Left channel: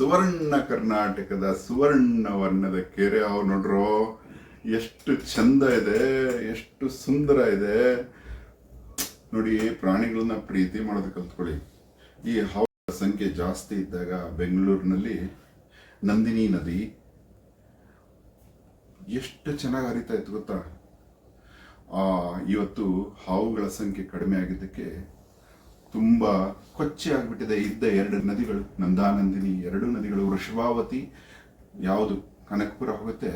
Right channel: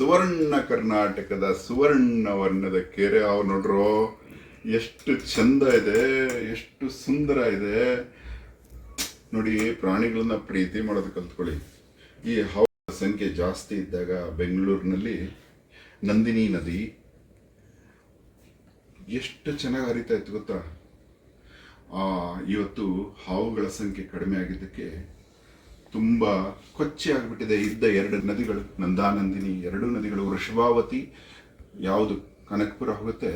ಸುವರ್ಣ ಕರ್ನಾಟಕದ ಸುವರ್ಣ ವರ್ಣದ ಕೆರೆ ಹಾವು ನೋಡ್ರೋ, ಎಷ್ಟು ಚಂದ ಇದೆ, ಎಷ್ಟು ಸುಂದರ ಇದೆ ನೋಡಿ. ಪ್ರಾಣಿಗಳನ್ನ ಪ್ರೀತಿ ಮಾಡೋದು ಕಲ್ತ್ಕೊಳ್ಳಿ. ಈ ಹಾವುಗಳ ಸಂಖ್ಯೆ ಜಾಸ್ತಿ ಇದ್ದಾಗ ಬೆಂಗಳೂರಿನಲ್ಲಿ ನಂದಿನಿ ನದಿ ಎಷ್ಟು ಚೆನ್ನಾಗಿ ಹರಿತಾ ಇತ್ತು ಗೊತ್ತಾ. ಇವತ್ತು ಹಾವುಗಳ ಸಂಖ್ಯೆ ಕಡಿಮೆ ಆಗಿದ್ದಕ್ಕೆ ತುಂಬಾ ಕೊಚ್ಚೆ ಆಗ್ಬಿಟ್ಟಿದೆ. ಇದ್ದ 2 ನದಿಗಳು, ನಂದಾನಂದಿನಿ 2 ನದಿಗಳು, ವೃಷಭಾವತಿ ಯಾವುದು ಕನಕಪುರ ಹೋಗುತ್ತೆ,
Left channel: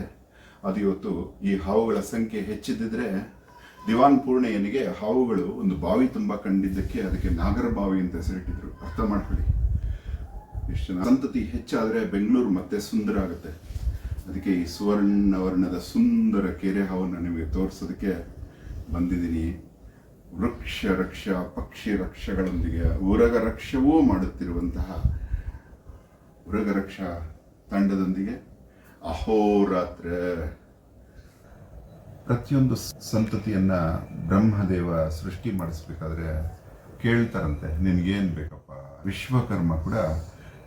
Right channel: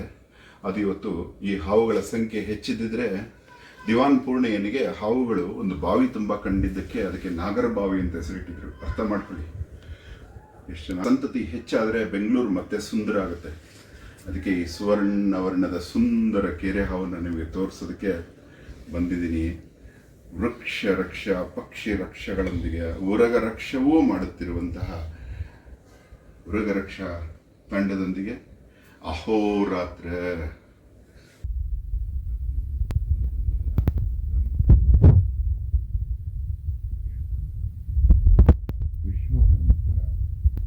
ಅದು ಇವತ್ತು ಈ ಹಾವುಗಳ ಸಂಖ್ಯೆ ಹೆಚ್ಚಿದ್ದಿದ್ರೆ ದಿವಾನ್ ಪೂರ್ಣಯ್ಯನಿಗೆ ಹಾವುಗಳು ಒಂದು ಬಾವಿ ತುಂಬಾ ಕಂಡಿದ್ದಕ್ಕೆ ಅದಕ್ಕೆ ನಾಗರ ಬಾವಿ ಅಂತ ಹೆಸರಿಟ್ಟಿದ್ರು. ಅರ್ಥ ಮಾಡ್ಕೊಳ್ಳಿ ಎಷ್ಟು ಜನ. ಸಂತತಿ ಹೆಚ್ಚಾದ್ರೆ ಬೆಂಗಳೂರು ಮತ್ತೆ ಸುಂದರ ಆಗುತ್ತೆ. ಅದಕ್ಕೆ ಈ ಸುವರ್ಣ ವರ್ಣದ ಸುಂದರ ಕೆರೆ ಹಾವನ್ನು ನಿಮಗೆ ತೋರಿಸೋದಕ್ಕೆ ಬಂದಿದ್ದೀನಿ. ವೃಕ್ಷ ರಕ್ಷ ಪಕ್ಷಿ ರಕ್ಷಗಳೊಂದಿಗೆ ಉರಗ ರಕ್ಷವೂ ಮಾಡುತ್ತಿರುವಂತಹ ಉರಗ ರಕ್ಷಾ ತಂಡದೊಂದಿಗೆ ಅಹೋರಾತ್ರ. ಪ್ರತಿಯೊಂದು ಸಂತತಿಯನ್ನ ಬ್ರಹ್ಮದೇವ ಸೃಷ್ಟಿ ಮಾಡಿಸ್ಬೇಕಾದ್ರೆ ಕೇಳ್ತಾರಂತೆ, ನಿನ್ಗೇನ್ ಬೇಕಪ್ಪ. ವಿಶ್ವಕರ್ಮ ಕೂಡ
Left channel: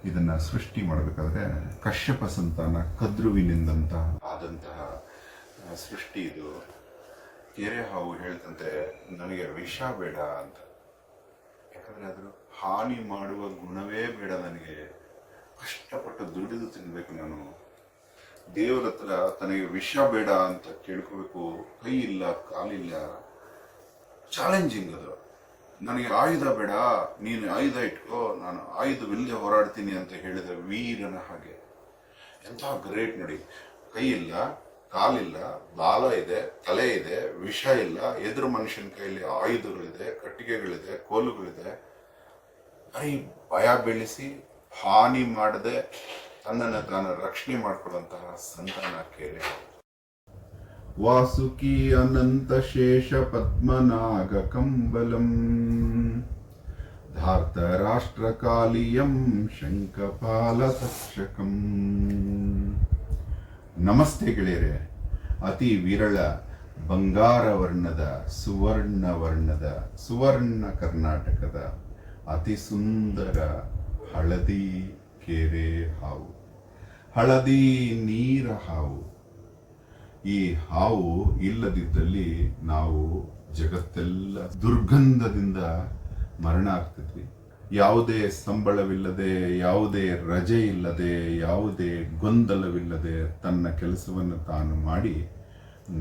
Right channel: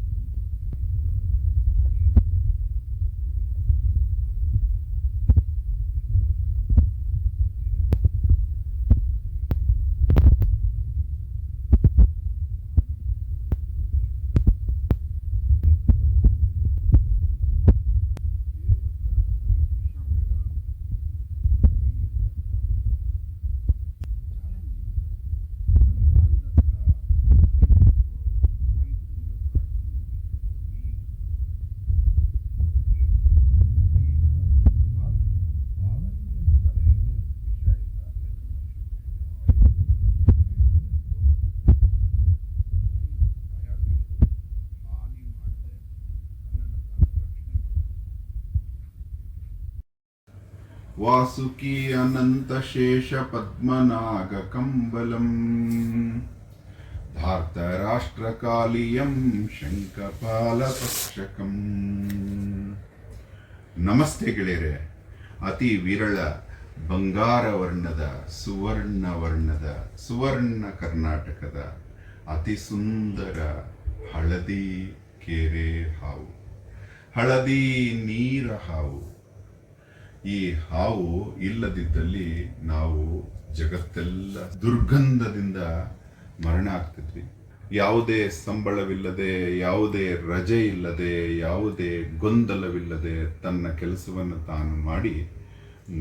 ಇದನ್ನ ಸೃಷ್ಟಿ ಮಾಡಬೇಕಾದ್ರೆ ಕಶ್ಯಪ ಸಂತಾನ ಕದ್ರುವಿನಿಂದಂತ ಆದಂತಹ ಸೃಷ್ಟಿ ಇದು. ಕೆರೆ ಹಾವು ಹೇಳ್ತಂತೆ, ನನಗೆ ವಿಷ ಬೇಡ ಅಂತ. ಯಾಕಂದ್ರೆ ಅದ್ರ ಹಾನಿ ಮಾಡುವ ಗುಣವೇ ಬೇಡ ನನಗೆ. ಕಷ್ಟಪಟ್ಟು ದುಡಿದು ತಿನ್ಬೇಕು ನಾನು. ದೇವರ ಹತ್ರ ತನಗೆ ವಿಷ ಬೇಡ ಅಂತ ಕೇಳ್ಕೋಬೇಕು. ಕೈ ಇಲ್ಲ, ಕಾಲಿಲ್ಲ, ಚಾಲೆಂಜಿಂಗ್ ಅದು. ನನಗೆ ಆಯುಧ ಬೇಡ, ನೀನು ಆಯುಧ ಇಟ್ಕೋ, ನಾನು ಆಯುಧವಿಲ್ಲದೆ ಹೋರಾಡ್ತೀನಿ ಅಂತ ಹೇಳಿದ ವೀರನ ಹಾಗೆ. ಎಂಥ ಗ್ರೇಟ್ ನೋಡಿ. ಕೈ ಇಲ್ಲ, ಕಾಲಿಲ್ಲ, ಲಾಲ ಇದೆ, ತಲೆ ಇದೆ, ವಿಷ ಇಲ್ಲ, ಎದುರು ಮನುಷ್ಯನ ಕೈಯಲ್ಲಿ ಆಯುಧಗಳಿದೆ, ಕಟ್ಟಿಗೆಗಳಿದೆ, ಕೋಲುಗಳಿದೆ. ಭಯ ಬೀಳಿಸಿ ಹಾನಿ ಮಾಡದೆ ತನ್ನನ್ನು ತಾನು ರಕ್ಷಣೆ ಮಾಡಿಕೊಳ್ಳುವಂತಹ ಸಂತಾನ ಕೆರೆ. ವಾಸುಕಿ ಅನಂತ ಶೇಷ ಪದ್ಮನಾಗ ಕಂಬಲಂ ಧಾರ್ತ ರಾಷ್ಟ್ರಕಾಲಿಯಂ ಶಂಖಪಾಲ ತಕ್ಷಕಂ. ನಮಸ್ತೆ ಗೆಳೆಯರೆ. ಅತಿ ವಿರಳ ಬಂಗಾರ ವರ್ಣದ ಸುವರ್ಣ ಕರ್ನಾಟಕದ ಅತಿ ಸುಂದರ ಹಳದಿ ಕೆರೆ ಹಾವು, ಹಳದಿ ನೀರ ಹಾವು. ಈ ಹಾವು ಇಲ್ಲದಿದ್ದಲ್ಲಿ ನಾವು ಜಗತ್ತೆಲ್ಲ ದುರ್ಗಂಧದಿಂದ ಮರಣ ಆಗ್ತಿದ್ವಿ. ಯಾವುದೇ ಸಂಬಳವಿಲ್ಲದೆ, ಯಾವುದೇ ರಜೆ ಇಲ್ಲದೆ, ಯಾವುದೇ ಗೊಂದಲವಿಲ್ಲದೆ ತನ್ನ ಕೆಲಸವನ್ನು ತಾನು ಮಾಡಿ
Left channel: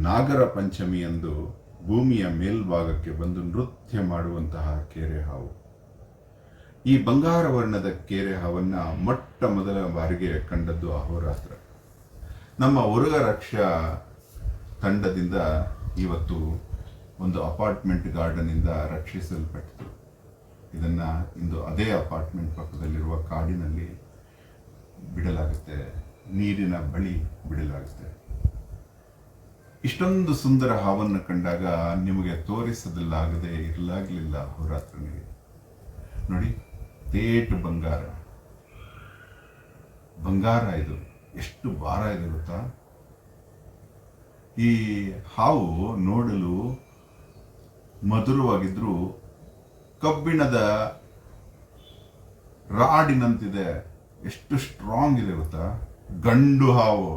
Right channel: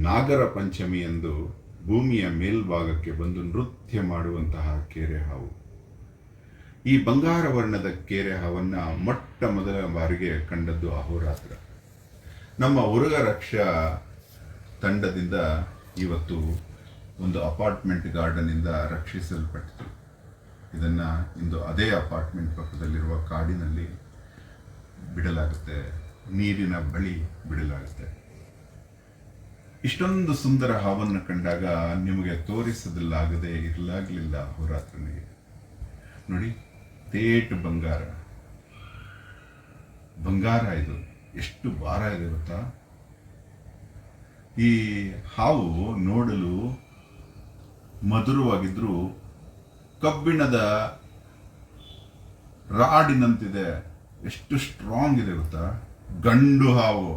ನಾಗರ ಪಂಚಮಿಯಂದು ಭೂಮಿಯ ಮೇಲ್ಭಾಗಕ್ಕೆ ಬಂದು ನೃತ್ಯ ಮಾಡುವಂತಹ ಕೆರೆ ಹಾವು. ಈ ಬಂಗಾರ ವರ್ಣದ ಕೆರೆ ಹಾವನ್ನ ಮೊಟ್ಟ ಮೊದಲ ಬಾರಿಗೆ ಕಂಡದ್ದು ಅಹೋರಾತ್ರ. ನಮ್ಮ ಉರಗ ರಕ್ಷಾ ತಂಡದಿಂದ ಇವತ್ತು ಒಂದು ಅಪಾರ್ಟ್ಮೆಂಟ್ ಗಾರ್ಡನ್ ಇಂದ ರಕ್ಷಿಸಲ್ಪಟ್ಟಿತು. ಇದನ್ನ ಇಂದು ಅದೇ ಅಪಾರ್ಟ್ಮೆಂಟ್ ಪಕ್ಕದಲ್ಲಿರುವ ಕಾಡಿನಲ್ಲಿ ಬಿಡಲಾಗುತ್ತೆ, ನೀರಿನ ಬಳಿ ಬಿಡಲಾಗುತ್ತೆ. ಇಷ್ಟೊಂದು ಸುಂದರ ಹಾವನ್ನು ಕಂಡಾಗ ನಿಮಗೆ ತೋರಿಸದಲ್ಲಾಗದೆ ಇರಲಾಗಲಿಲ್ಲ ಅಹೋರಾತ್ರನಿಗೆ. ನೋಡಿ, ತೇಟು ಬಂಗಾರ ಇದು ಎಷ್ಟು ಭಾರ ಇದೆ ಗೊತ್ತಾ. ಈ ಹಾವು ನೋಡಲು ಮಧುರವಾಗಿದ್ರು ಕಬ್ಬಿಣದ ರಾಡಿನಂತಿದೆ. ಎಷ್ಟು ಸ್ಟ್ರಾಂಗ್ ಇದೆ ಗೊತ್ತಾ. ಗಂಡು ಹಾವು,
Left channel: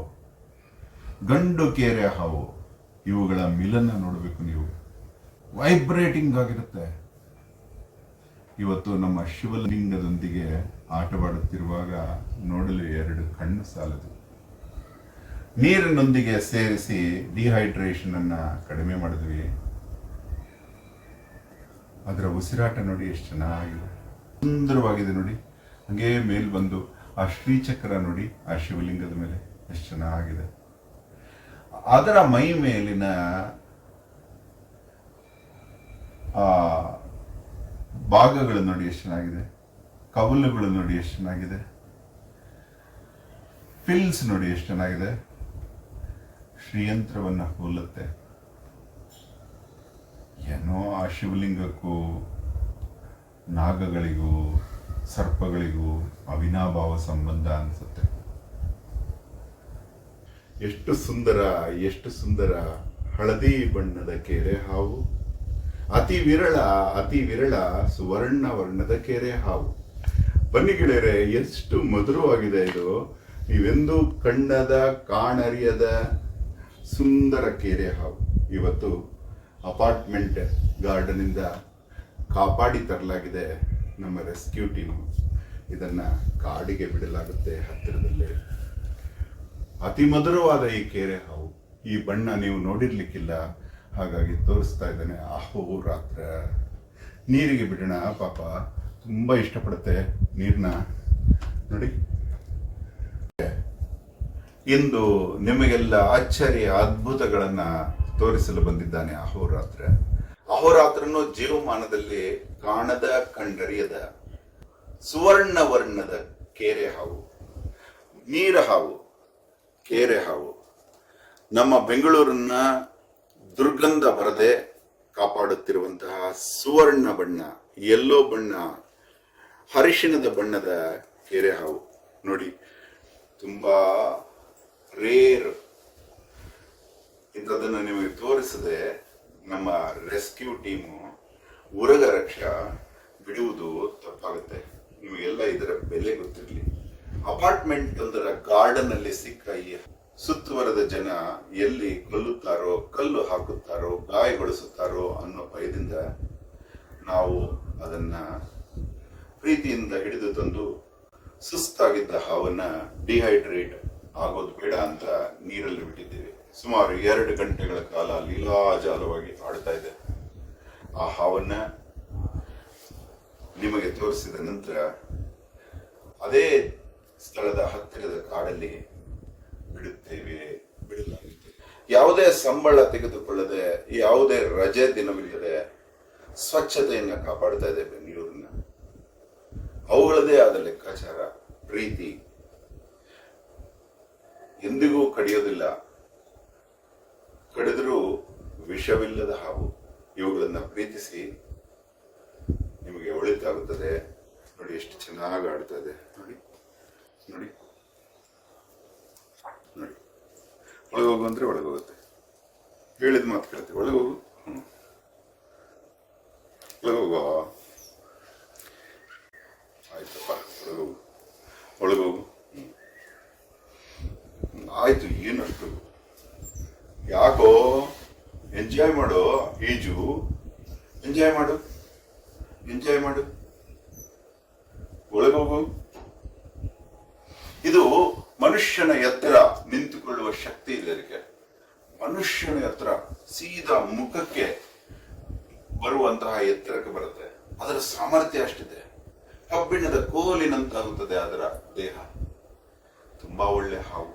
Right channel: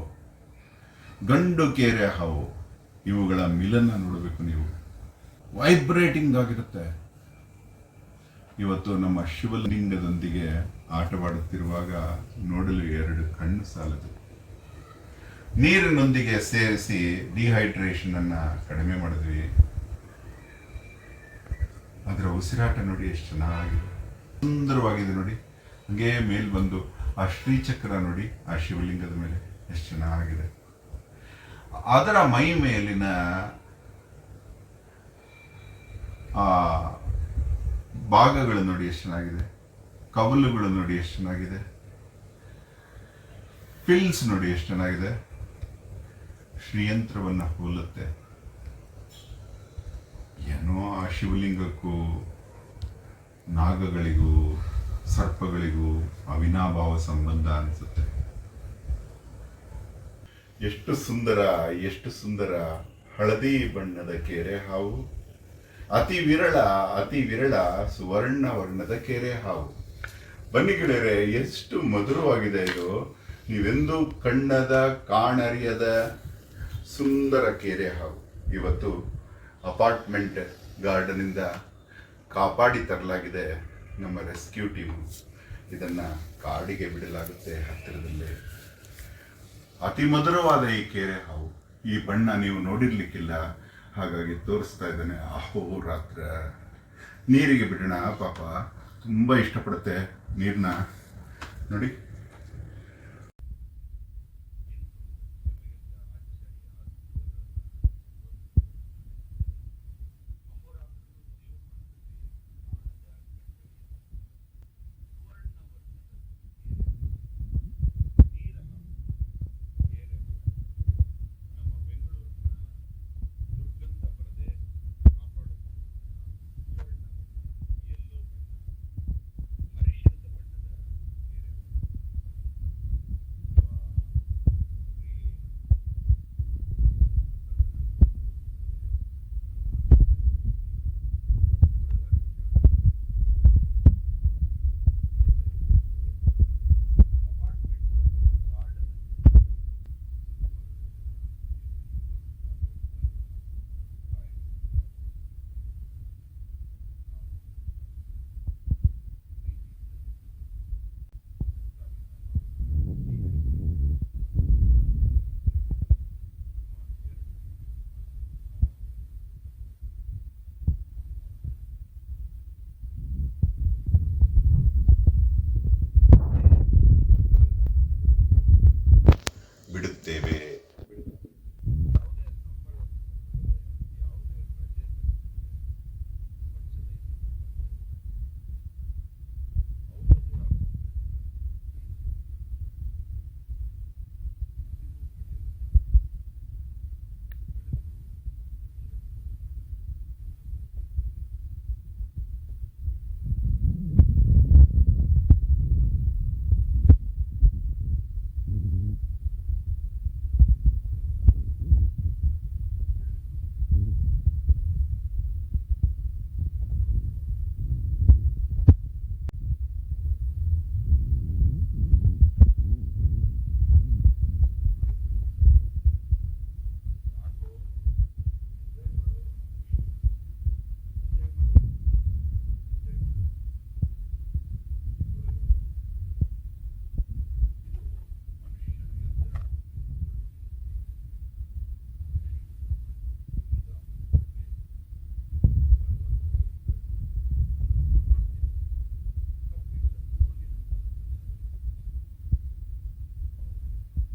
ಗಂಡು ಕೆರೆ ಹಾವು, ಇವುಗಳ ಮಿಲನ ನೋಡಬೇಕು ನೀವು. ವೈಬ್ರೇಟಿಂಗ್ ಆಗಿರುತ್ತೆ. ಇವತ್ತು ನಮ್ಮ ಶಿವಲಿಂಗದೊಂದಿಗೆ ಆಟವಾಡುತ್ತಿರುವಾಗ ನೋಡಲು 2 ಕಣ್ಣು ಸಾಲದು. ನೀರಿನೊಂದಿಗೆ ಸೇರಿಸಿ ಡಿಹೈಡ್ರೇಷನ್ ಅನ್ನ ಕಡಿಮೆ ಮಾಡಿದ್ವಿ. ಅದರ ಉಸಿರಾಟ ನೋಡಿ ಎಷ್ಟು ಚೆನ್ನಾಗಿದೆ, ಸುಂದರವಾಗಿದೆ ನೋಡಿ. ಹಂಗೆ ಮೇಲ್ ಬಂದು ಆ ಶ್ರೀಚಕ್ರ ನೋಡಿ, ಆ ಶಿವಲಿಂಗದ ಮೇಲೆ ಎಷ್ಟು ಚೆನ್ನಾಗಿದೆ. ಅದರ ಮೈ ಮೇಲಿನ ಆ ಭಾಗಗಳು ನೋಡಿ ಎಷ್ಟು ಚೆನ್ನಾಗಿದೆ. ಕವಲುಗಳು ನೋಡಿ ಎಷ್ಟು ಚೆನ್ನಾಗಿದೆ. ಫಿಲ್ಸ್ ನೋಡಿ ಎಷ್ಟು ಚೆನ್ನಾಗಿದೆ. ಶ್ರೀಯಂತ್ರವನ್ನ ಹೋಲುತ್ತೆ. ಏನೋ ಆ ಶಿವಲಿಂಗಕ್ಕೂ ನಾಗಗಳಿಗೂ ಸರ್ಪಗಳಿಗೂ ಅವಿನಾಭಾವ ಸಂಬಂಧ ಅನಿಸುತ್ತೆ. ಎಷ್ಟು ಸುಂದರ ಹಳದಿ ಬಣ್ಣದ ಕೆರೆ ಹಾವು. ಅತಿ ವಿರಳ ಸುವರ್ಣ ವರ್ಣದ ಕೆರೆ ಹಾವು. ಬನ್ನಿ ಗೆಳೆಯರೆ, ಎಷ್ಟು ಮಧುರವಾಗಿದೆ ಇದು. ನೀವೆಂದೂ ಕಣ್ಣದ ಕಾಣರಿಯದ ಸುಂದರ ಕೆರೆ ಹಾವು ಇವತ್ತು ಅಪಾರ್ಟ್ಮೆಂಟ್ ಗಾರ್ಡನಿಂದ ಕಾಪಾಡಿ ತರಲಾಗಿದೆ ನಮ್ಮ ರೆಸ್ಕ್ಯೂ ಟೀಮ್. ಇದನ್ನ ಕಾಡಿಗೆ ಬಿಡಲಾಗುತ್ತೆ ಹತ್ತಿರದಲ್ಲೇ. ಅತಿ ಮಧುರವಾದ ಈ ಕೆರೆ ಹಾವು, ಈ ಬಣ್ಣ ನೀವು ನೋಡಿರ್ಲಿಕ್ಕಿಲ್ಲ, ಹಾಗಾಗಿ ತೋರಿಸ್ತಾ ಇದ್ದಾನೆ. ಅಹೋರಾತ್ರ ನೀರಿಗೆ ಬಿಡೋಣ, ಪಾಪ ತುಂಬ ಇಷ್ಟಪಡುತ್ತೆ ನೀರನ್ನ. ನೋಡಿ, ಇಂದು ನಿಮಗೆಲ್ಲ ಅಚ್ಚರಿಯ ಅದ್ಭುತಗಳನ್ನ ತೋರಿಸಲು ಬಂದಿದ್ದಾನೆ ಅಹೋರಾತ್ರ. ಅಹೋರಾತ್ರನು ಜೀವಮಾನದಲ್ಲಿ ಕಾಣದ ಕಂಡರಿಯದ ಸುವರ್ಣ ವರ್ಣದ ಕೆರೆ ಹಾವು, ನೀರ ಹಾವು, ಕೆರೆ ಹಾವು. ನಮ್ಮ ಬೆಂಗಳೂರನ್ನ ದುರ್ಗಂಧ ಬರದೆ ಕಾಪಾಡುತ್ತಿರುವಂತಹ ಸುವರ್ಣ ಬಣ್ಣ, ಯೆಲ್ಲೋ ಬಣ್ಣ, ಅರಿಶಿಣದ ಬಣ್ಣದ ಕೆರೆ ಹಾವು. ನೋಡಿ, ತುಂಬಾ ರೇರ್. ಇಂಥದನ್ನು ನಿಮಗೆ ತೋರಿಸದೆ ನಮ್ಮ ರೆಸ್ಕ್ಯೂ ಟೀಮು ಉರಗ ರಕ್ಷಾ ಬಿಡುವುದು ತಪ್ಪಾಗುತ್ತೆ. ನಿಮಗೆಲ್ಲ ಇದರ ಬೆಲೆ ಗೊತ್ತಿರಲಿ. ಅಪಾರ್ಟ್ಮೆಂಟ್ ಒಂದರ ಗಾರ್ಡನ್ ಅಲ್ಲಿ ಸಿಕ್ಕ ಈ ಸುತ್ತುವರೆದ ಜನ ಎಲ್ಲಿ ಕೊಲ್ಲುತ್ತಾರೋ, ಕಲ್ಲು ಹಾಕುತ್ತಾರೋ, ಗಾಯಗೊಳಿಸುತ್ತಾರೋ ಅನ್ನೋ ಭಯದಿಂದ ನಾವು ಅದನ್ನ ಪ್ರೀತಿಯಿಂದ ಹಿಡಿದು ತಂದು ಸುಸ್ತಾಗಿದ್ದ ಹಾವನ್ನ ಡಿಹೈಡ್ರೇಟ್ ಆಗೋದು ಬೇಡ ಅಂತ ನೀರಲ್ಲಿ ಬಿಟ್ಟಿದ್ದೇವೆ. ಸುಮಾರು 2 ಗಂಟೆಗಳ ಕಾಲ ಲೀಲಾಜಾಲವಾಗಿ ಆಡ್ತಾ ಇದೆ. ಆ ಹಾವನ್ನ ನಿಮಗೆ ತೋರಿಸಿದ ನಂತರ ಅದೇ ಸ್ಥಳದ ಹತ್ತಿರದ ಕಾಡಲ್ಲಿ ಬಿಡುತ್ತೇವೆ, ಬಿಡಲಾಗುತ್ತೆ. ಯಾವುದೇ ಸಂಬಳ ತೆಗೆದುಕೊಳ್ಳದೆ, ಯಾವುದೇ ರಜೆ ದಿನವಿಲ್ಲದೆ ಸ್ವಚ್ಛತೆಯನ್ನ ಕಾಪಾಡ್ತಾ ಇದೆ ಬೆಂಗಳೂರನ್ನ. ಅವುಗಳದೇ ಆದ ಲೆಕ್ಕಾಚಾರ, ಪ್ರೀತಿ ಎಂದಿಗೂ ಕಡಿಯೋದಿಲ್ಲ. ಕಡಿದರೂ ವಿಷವಿಲ್ಲದ ಹಾವು. ಇವುಗಳನ್ನ ಪ್ರೀತಿಸಿ, ನಿಮಗೆ ಒಳಿತಾಗುತ್ತದೆ. ನೋಡಿ ಎಷ್ಟು ಚೆನ್ನಾಗಿ ಆಡ್ತಾ ಇದೆ. ನೋಡಿ ನೋಡಿ ನೋಡಿ, ಒಳಗೋಗು ಅಂದ್ರೆ ಒಳಗೋಗುತ್ತೆ, ಹೇಳಿದ ಮಾತು ಕೇಳುತ್ತೆ. ಒಳಗೋಗು, ಒಳಗೋಗು, ಆಯ್ತಪ್ಪ, ಒಳಗೋಗು, ಒಳಗೋಗು. ಆಯ್ತು, ಏನಷ್ಟು ಯಾಕೋ, ಎಂಜಾಯ್ ಮಾಡು, ಈಜು, ಎಂಜಾಯ್ ಮಾಡು, ಎಂಜಾಯ್ ಮಾಡು, ಒಳಗೋಗು. ಇದು ಮನುಷ್ಯನ ಎತ್ತರ ನಿಂತುಕೊಳ್ಳುವ ಶಕ್ತಿ ಇದೆ ಅದಕ್ಕೆ. ಮನುಷ್ಯನ ಎತ್ತರ ಸೀದಾ ಮುಖಕ್ಕೆ ಬರುವಂತಹ ಎತ್ತರಕ್ಕೆ ಬರುತ್ತೆ. ಅದರ ಸಾಮರ್ಥ್ಯ ಅಷ್ಟಿದೆ. ಕಬ್ಬಿಣದ ಕೋಲಿನಂತಾಗುತ್ತದೆ ಅದರ ದೇಹ. ತುಂಬಾ ಒಳ್ಳೆ ಹಾವು.